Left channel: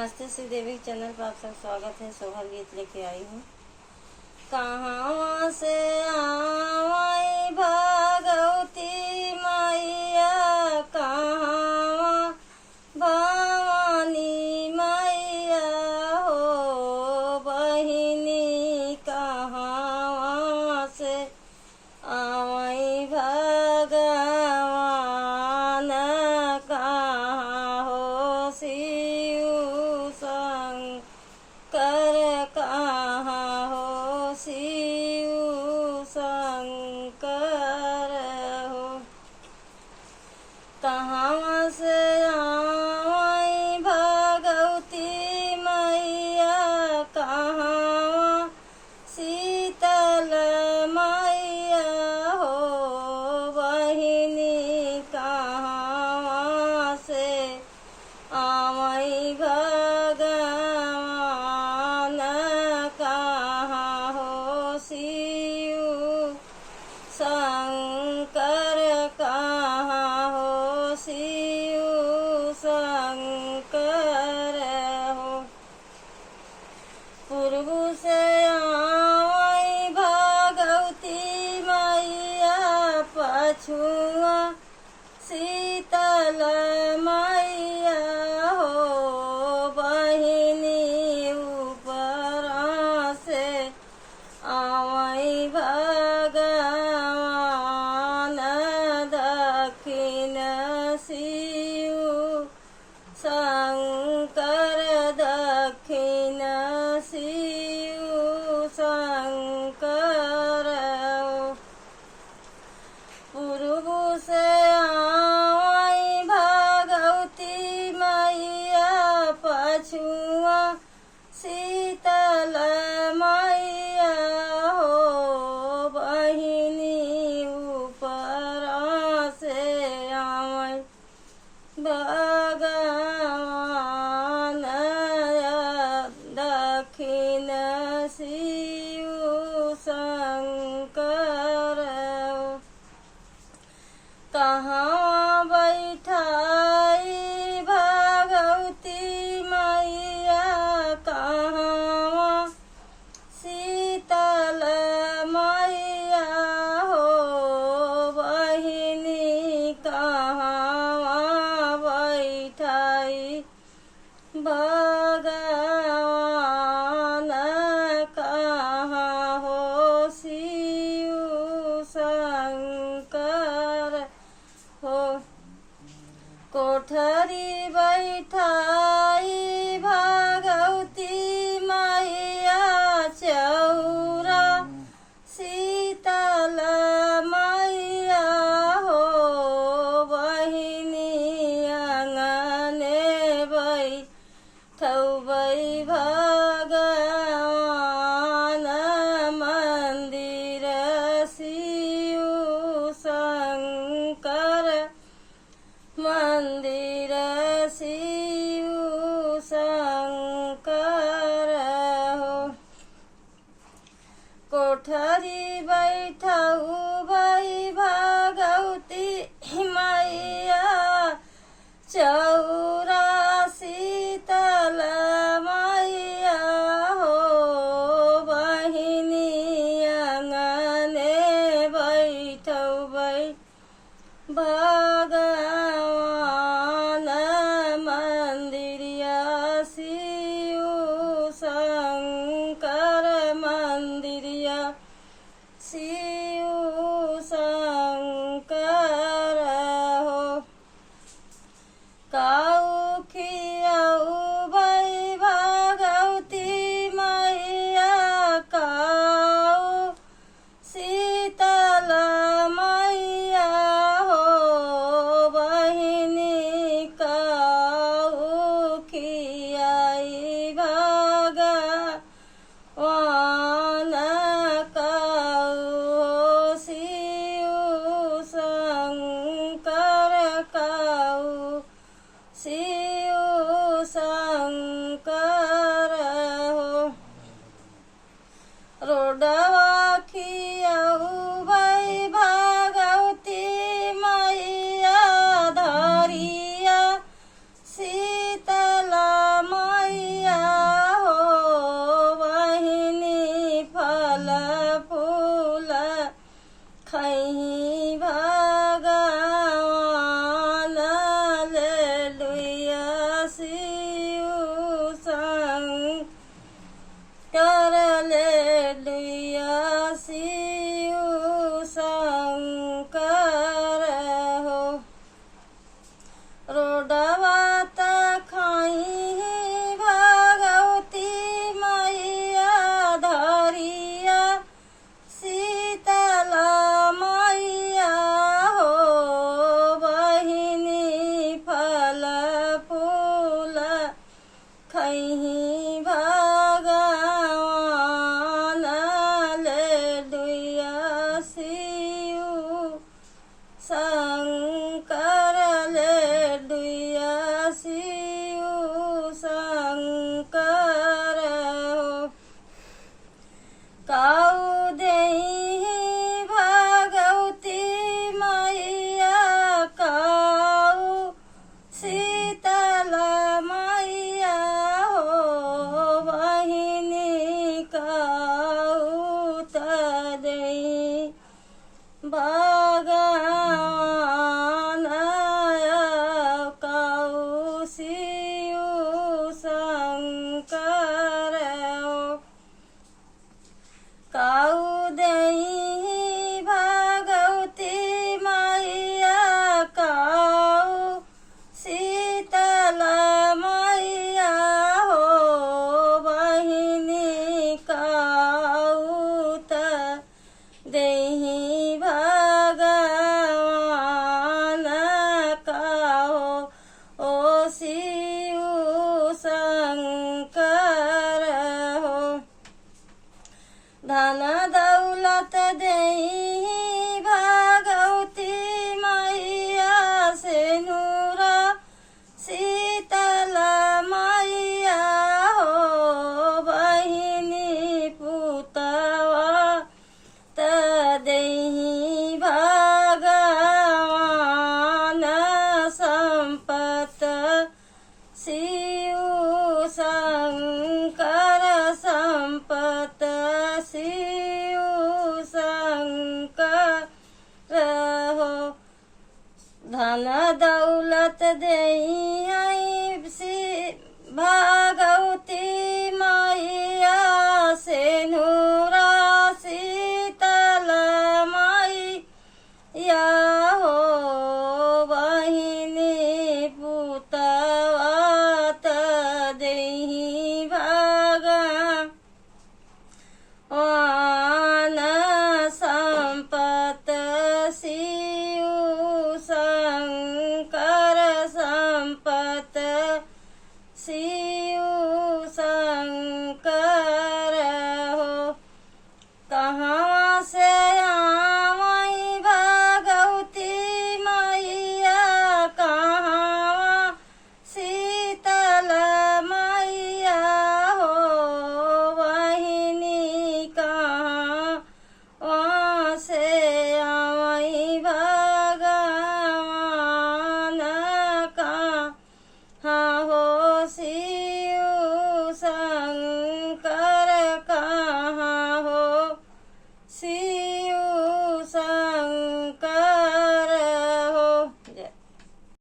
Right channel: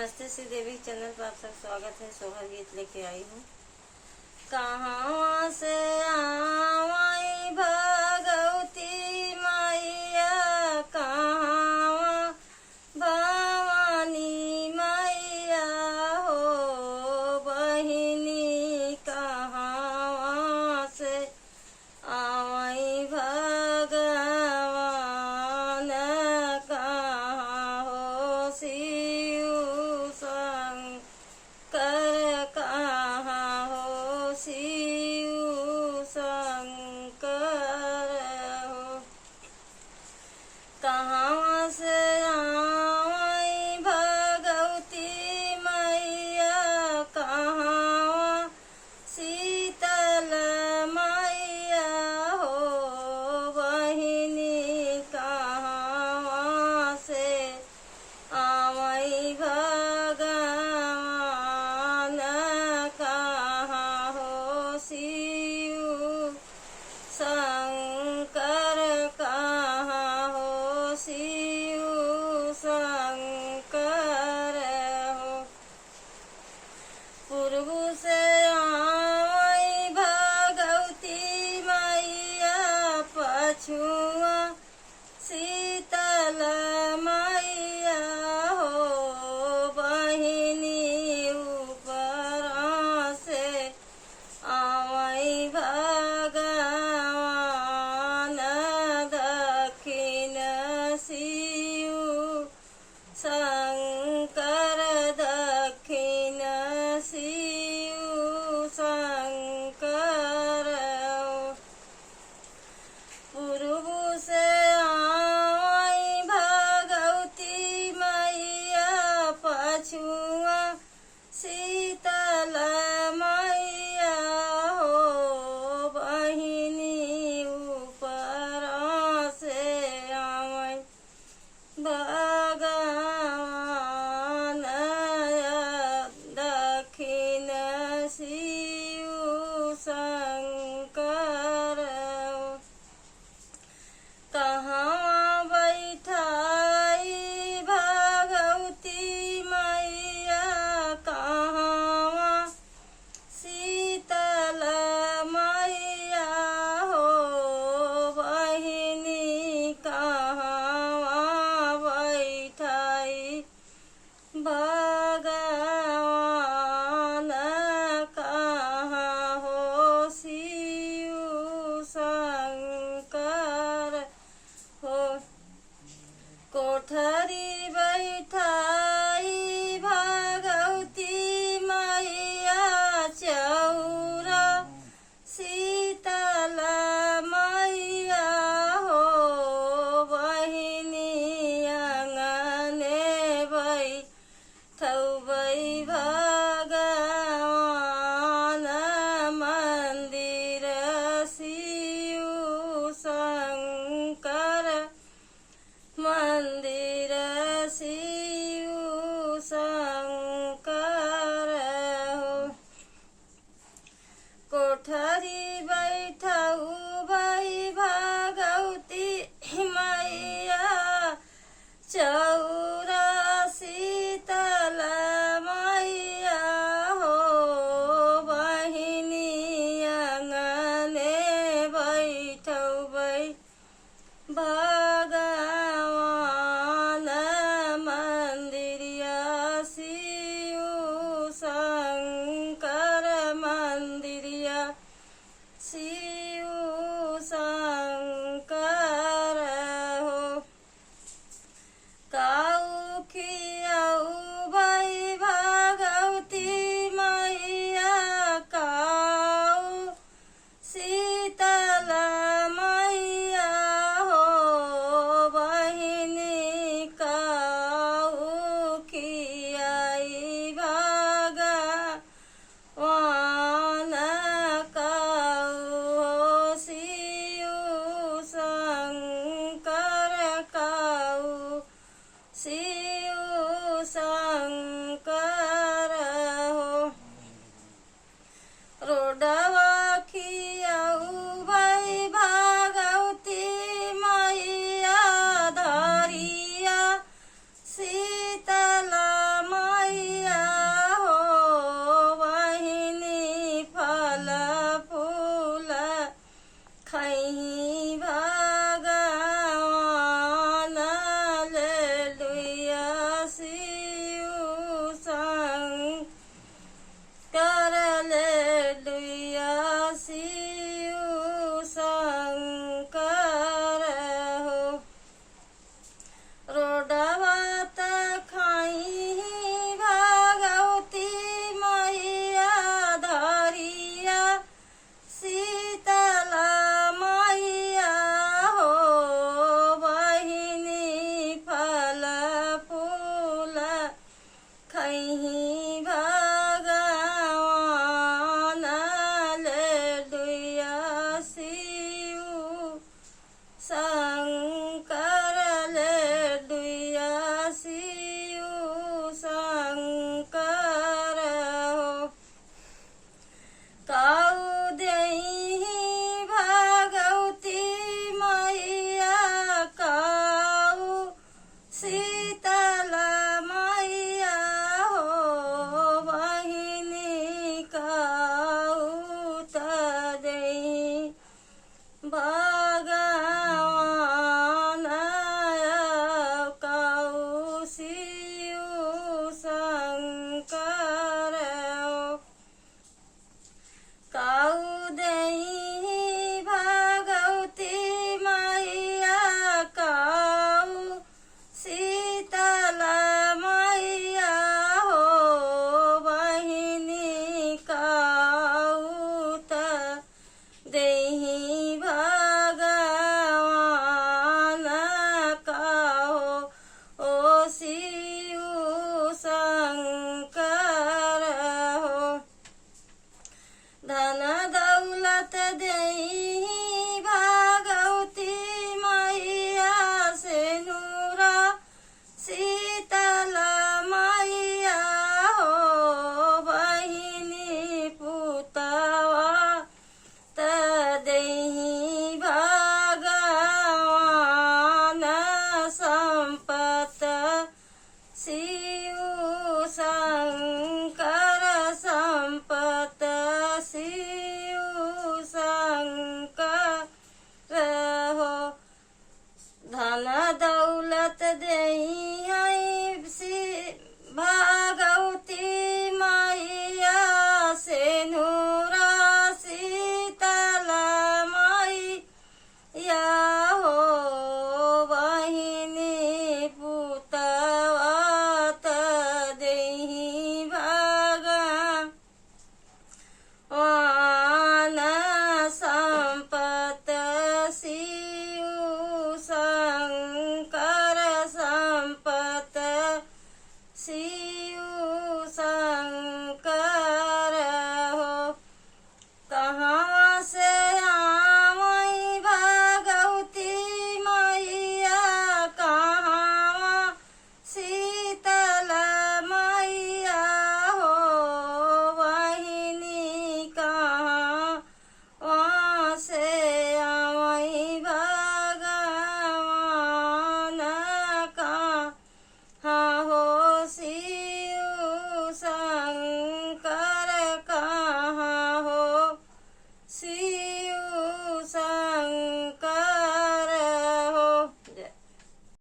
नमस्ते श्रीदेवी चैनल पर आप सब स्वागत है। सोहर गीत लेके आई हूँ। कहाँ से आई भगवती मैया, कहाँ भवानी मैया हो बहिनी, कहाँ से आई भगवान, कहाँ हो शिव शंकर, कहाँ हो शिव शंकर हो। कहाँ से आई भगवती मैया, कहाँ शीतल मैया हो बहिनी, कहाँ से आई भगवान, कहाँ हो शिव शंकर, कहाँ हो शिव शंकर हो। पूर्व से आई भगवती मैया, पछुआ शीतल मैया हो बहिनी, ऊपर से आई भगवान, दक्षिण शिव शंकर, दक्षिण शिव शंकर हो। पूर्व से आई भगवती मैया, पछुआ शीतल मैया हो बहिनी, ऊपर से आई भगवान, दक्षिण शिव शंकर हो। कहाँ बैठाई भगवती मैया, कहाँ शीतल मैया हो बहिनी, कहाँ बैठाई भगवान, कहाँ हो शिव शंकर हो। कोठरी बैठाई भगवती मैया, चौरा शीतल मैया हो बहिनी, आंगने बैठबै भगवान, मंदिर शिव शंकर, मंदिर शिव शंकर हो। कोठरी बैठऊ भई भगवती मैया, चौ